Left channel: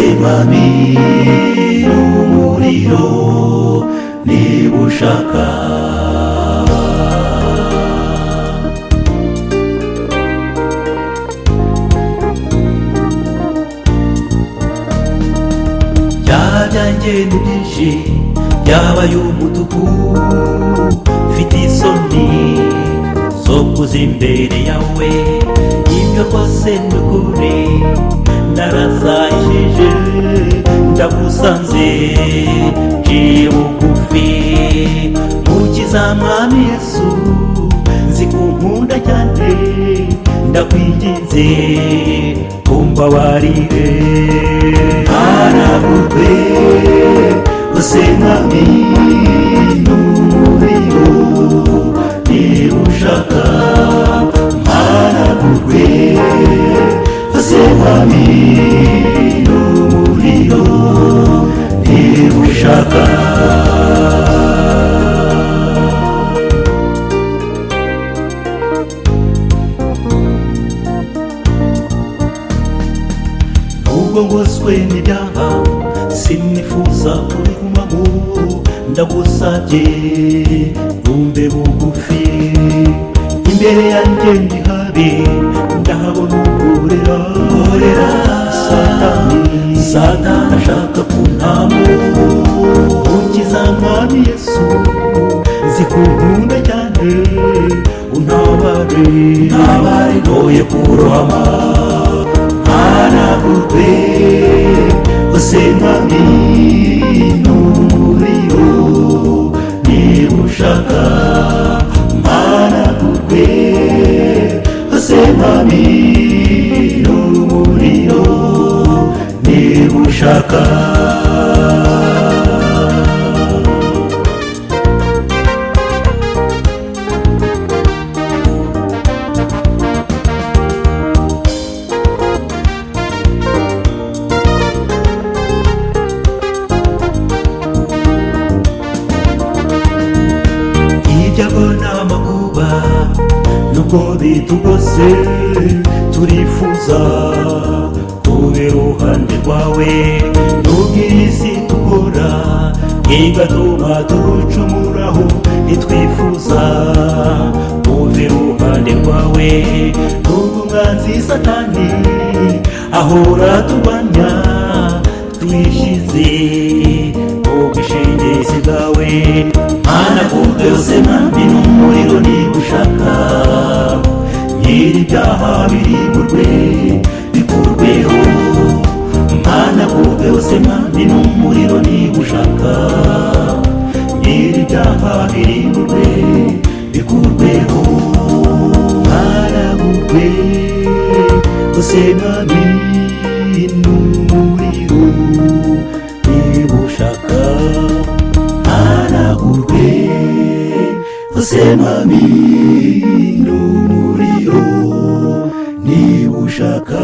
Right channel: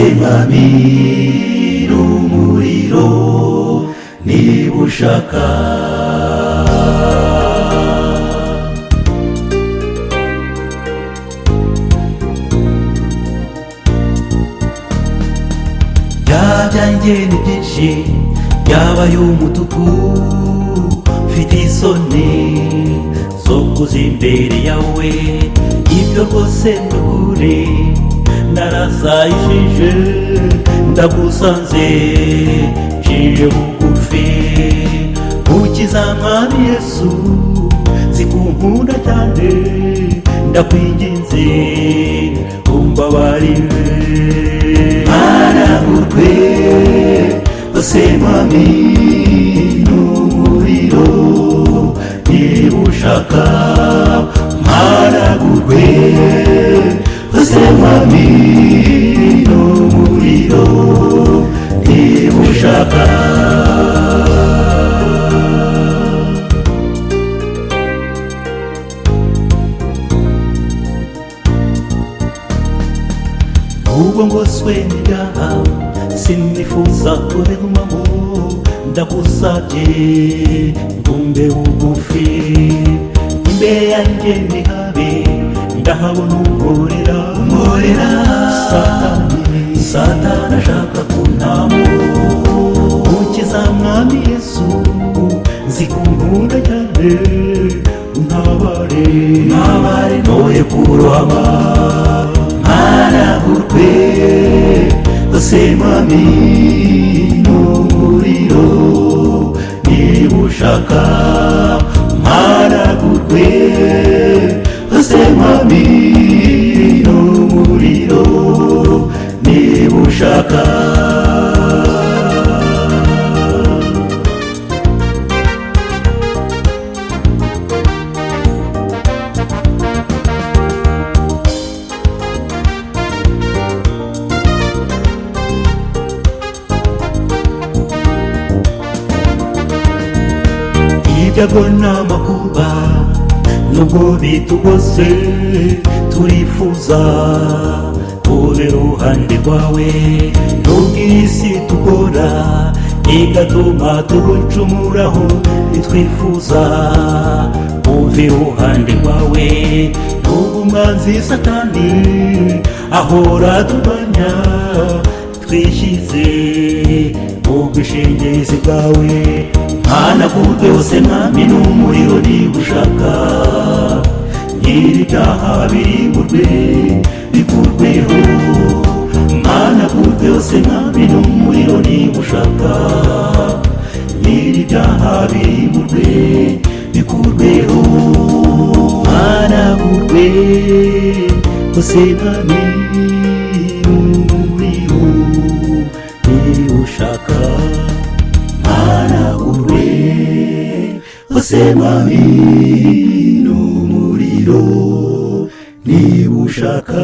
Mwami n'umuriro niba ushaka. Byanjye ni byinshi byabaye umutuku, mfite isoni zo kuza imbere yawe, ibyo rwose ni ukuri narazayishije, ndagusanze nciye bugufi. Mukiza Mwami Yesu, nzi ko unkunda cyane, ndakwinginze umbabarire. Mpanagurwe ose Mwami n'umuriro niba ushaka. Mpanagurwe ose Mwami n'umuriro niba ushaka. Ubwo ngoswe n'ibyaha sinifuza kubigumamo, ndagusabye umbe bugufi. Imbere yanjye ndi habi, ndahabona ukorera Satani ashaka kuntamo. Mukiza Mwami Yesu, nzi ko unkunda cyane, untabare noye kurohama. Mpanagurwe ose Mwami n'umuriro niba ushaka. Mpanagurwe ose Mwami n'umuriro niba ushaka. Ibyago n'amakuba nubwo bitugose, turifuza kuba iruhande rwawe. Nubwo iyi si tugora igatuma tugucumuraho, ntitwifuza kuba iruhande rwawe. Nubwo umwanzi Satani ahora turwanya, twishyize mu bwishingizi bwawe. Mpanagurwe ose Mwami n'umuriro niba ushaka. Nyir'ibyaha birimburwe bikurweho. Mpanagurwe ose Mwami n'umuriro niba ushaka. Nyir'ibyaha birimburwe bikurweho. Mpanagurwe ose Mwami n'umuriro niba ushaka. Mpanagurwe ose Mwami n'umuriro niba ushaka.